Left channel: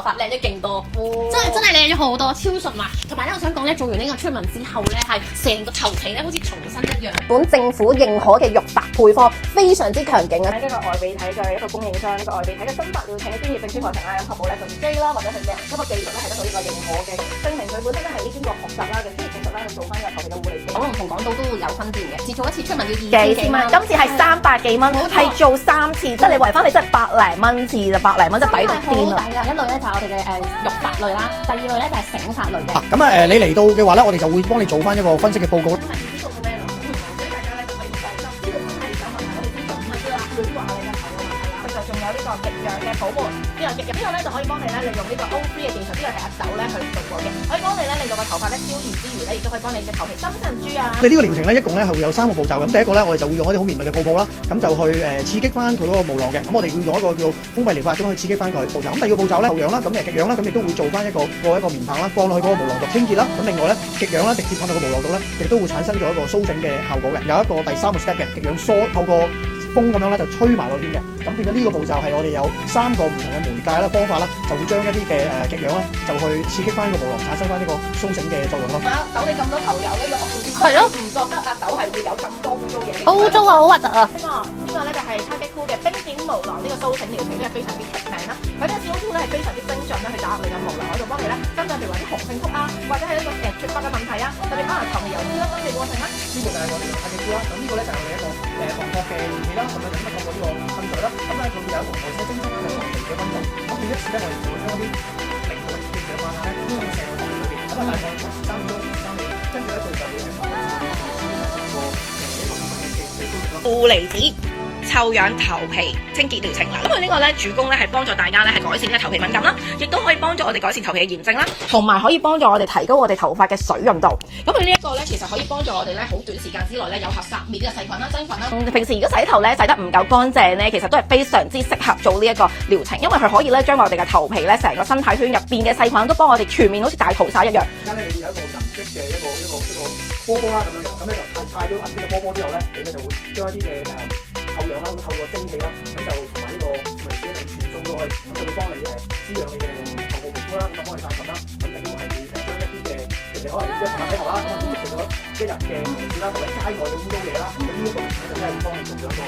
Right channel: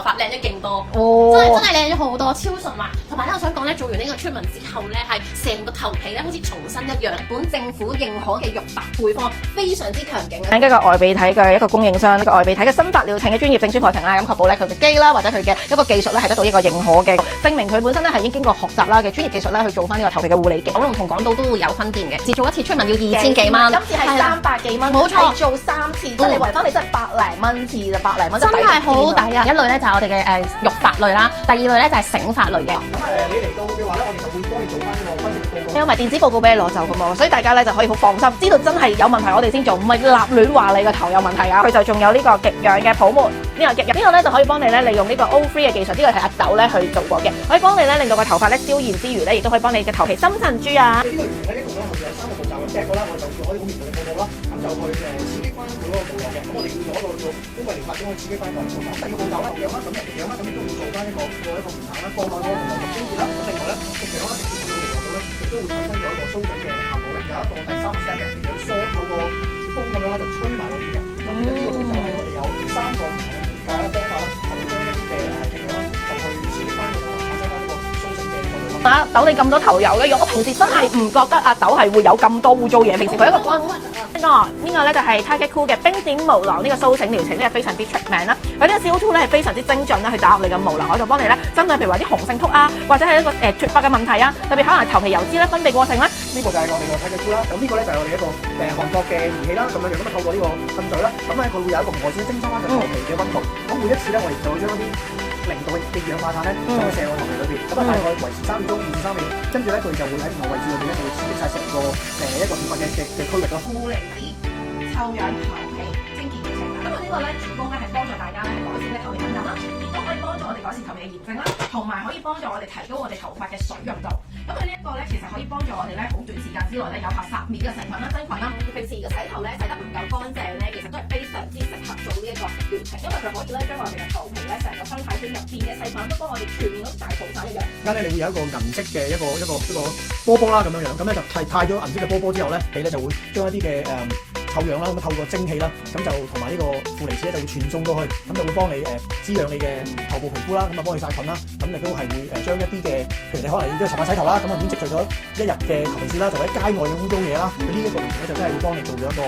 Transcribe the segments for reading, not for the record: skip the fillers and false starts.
髮靚咗勁多，哦，真係靚咗好多，超順滑。同埋咧，我想講咧，做完呢個 treatment 之後咧，係成個頭皮咧好似重新一樣。本政府認可嘅肉白配方非常之強勁啊！一個外鼻體嘅一個供應商，一個外鼻體嘅新發療程嘅專業證書課程啦，咁確保咧佢嘅機啦或者佢嘅一個技術咧係得到呢個認可嘅，證明佢本身咧係已經經過學習啦嘅專業技術咧去做翻呢個頭皮嘅護理嘅。九龍同港島都會有分店嘅，自做一次 treatment 要2000幾蚊，今次係300幾蚊，冇錯係做3次，即係你圍翻你真係百零蚊次就百零蚊，真係好抵啊！一類咧就係我哋嘅肉髮類啦，第二類咧就係醒髮類嘅。咁你嚟到嘅話咧，我哋就會幫你做翻一個分析嘅報告。因為電子報告俾你攞走㗎嘛，所以大家咧就可以好放心，知道真係有問題我哋先做，唔係立亂話你個頭有問題啊！佢就仲有呢個極氧嘅泡沫，呢個極氧呢個咧就可以幫你咧利用呢個 O3 嘅技術，呢個係阿豆咧去做過嘅，可以幫你咧令到個頭髮咧消炎之餘咧，亦都可以幫你嘅頭皮深層珠啊！我哋呢個療程咧一共咧係會有3個步驟。咁第一個咧，我哋就會用一啲好綿密嘅泡泡啦，咁就去刺激翻佢嗰個毛囊嘅。咁我哋要用一個叫封閉療法，咁去刺激翻佢步驟。咁第二個步驟咧，後氧啦，咁極氧啦，咁亦都會做翻一個棉棒啦，放落去嗰個毛囊度清潔啦。咁另外咧，極氧啦直接放到個毛囊度咧，亦都會產生咗一個蘇醒嘅效果嘅。有一個第3個 step 嘅極氧梳透過風咁樣咧就吹埋嗰邊嘅。咁變咗呢個步驟係我哋有3個唔同嘅媒介啦方法啦，就會將一啲嘅極氧啦就去刺激翻個毛囊，產生翻呢個蘇醒嘅作用咯。阿豆你咁多頭油嘅，我平時真係唔覺得阿豆係會有咁多污糟嘢。好污糟啊，好核突啊！呢個咧就係 Target Cool 嘅冰點毛囊呢個蘇醒療程，呢個非常之出名啦。佢呢個 CO2 咧係非常之精準啦，去打入你嘅毛囊嗰度，幫你咧針對譬如話啲雄性禿啊，或者係一個脫髮嘅問題啊，特別可能頭皮油脂啦、分泌過程啦。呢個就係我哋嘅 Target Cool 啦。咁呢個咧就係我哋一個韓國嘅儀器啦，咁樣亦都透過呢個滲水啦。咁咧佢會有一個外線偵測翻個頭皮嘅溫度。咁每一次咧我哋就會將啲0度嘅二氧化碳咧將佢射入頭皮裏邊，咁大概維持3秒鐘、3秒，跟住咧佢就會喺頭位置裏邊刺激晒成個一個部分嘅區域咯。負離子臭氧頭皮清潔療程啦，咁佢呢個咧主攻咧係幫助大家咧係改善呢個頭皮敏感啦，亦都可以幫助我哋改善頭皮嘅炎症啦，同埋可以幫助我哋提高我哋頭髮嘅水潤度。咁佢呢一個咧，其實可以幫助我哋咧好短時間之內咧有效殺滅呢個細菌啦、真菌啦。平時如果洗頭咧洗得唔夠乾淨咧，其實都係非常之適合做呢一個療程，因為佢可以咧將我哋嘅頭皮咧成個生態圈入邊嘅細菌都幫我哋全面好似大屠殺一樣。而家咧你會有一個銀色嘅一個波波啦咁樣樣，咁咧就係太咗銀色嘅波波之後咧，你咧就會將一啲嘅臭氧啦，咁透過蒸汽啦，咁就同埋呢個負離子咧就傳送過去，咁就會幫你滋養你嘅頭部皮膚啦，咁啊幫你殺菌啦，咁亦都係將一啲嘅平時可能你都係洗頭啦，咁啊咁積聚咗一日嘅同事啦，就喺街外嘅污糟嘢啦，咁呢一個療程咧就真係會幫你做咗一個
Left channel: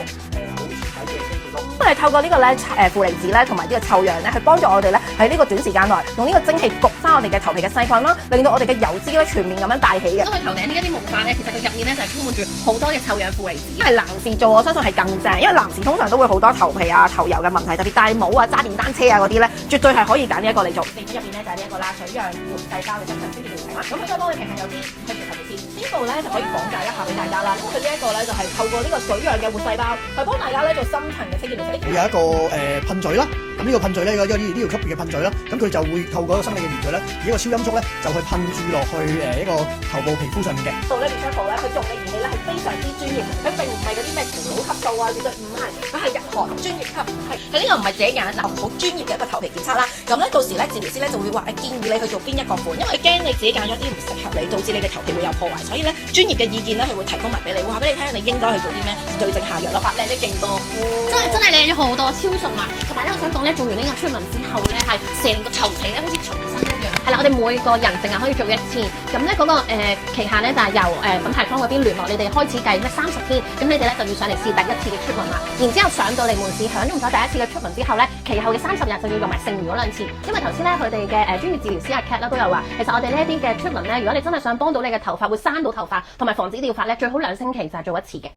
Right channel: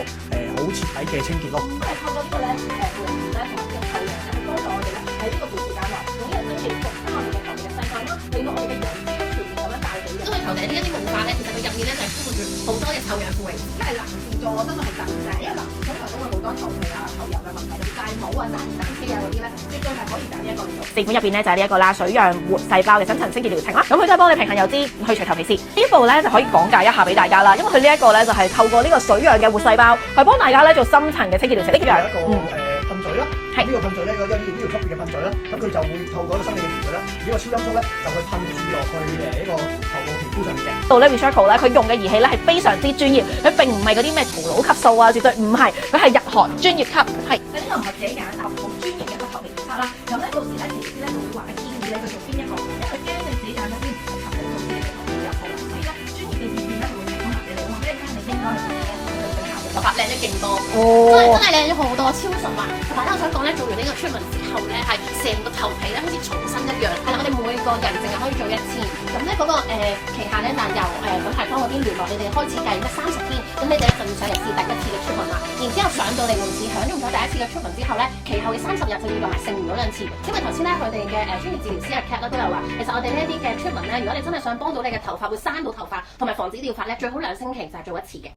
好徹底嘅清潔咯。咁你透過呢個咧負離子咧同埋呢個臭氧咧，去幫助我哋咧喺呢個短時間內用呢個蒸汽焗翻我哋嘅頭皮嘅細菌啦，令到我哋嘅油脂咧全面咁樣帶起嘅。因為頭頂呢一啲毛髮咧，其實佢入面咧就係充滿住好多嘅臭氧負離子。因為男士做，我相信係更正，因為男士通常都會好多頭皮啊、頭油嘅問題，特別戴帽啊、揸電單車啊嗰啲咧，絕對係可以揀呢一個嚟做。正本入邊咧就係呢一個啦，水漾活細胞嘅深層清潔療程啦。咁佢都係幫你平衡油脂、去除頭皮屑。呢一步咧就可以講解一下俾大家啦，因為佢呢一個咧就係透過呢個水漾嘅活細胞，係幫大家咧做深層嘅清潔療程。呢個有一個噴嘴啦，呢個噴嘴咧，呢條吸嘅噴嘴啦，咁佢就會透過一個生理嘅原理咧，呢個超音速咧就去噴注落去一個頭部皮膚上面嘅。到咧 Recycle 咧，佢用嘅儀器咧係非常之專業，佢並唔係嗰啲咩葫蘆級數啊，絕對唔係，佢係入行專業級，係佢呢個唔係自己揀，就好專業嘅一個頭皮檢測啦。咁咧到時咧治療師咧就會話建議你去做邊一個款，因為佢驚你自己揀咗啲唔適合你，導致你嘅頭皮會有破壞，所以咧專業嘅意見咧佢會提供埋俾你，話俾你聽你應該去做啲咩對症下藥咯。髮靚咗勁多，真係靚咗好多，超順滑。同埋咧我想講咧，做完呢個 treatment 之後咧，係成個頭皮咧好似重新一樣。係啦，我哋每個人淨係可以做1次，咁咧嗰個期限咧就係由品牌方嗰邊聯絡你哋開始計30天，咁你哋咧就要上嚟試第1次嘅 treatment 啦。然之後上到嚟門市享用咗第1次嘅 treatment之後咧，其後嘅30日就要用埋剩餘嗰2次。因為頭先咧佢哋嘅專業治療師阿 Cat 啦都有話，其實我哋呢啲嘅 treatment 咧，如果你真係想幫到你嘅頭髮會生到頭髮，同埋防止掉髮咧，最好2星期就係做1次嘅。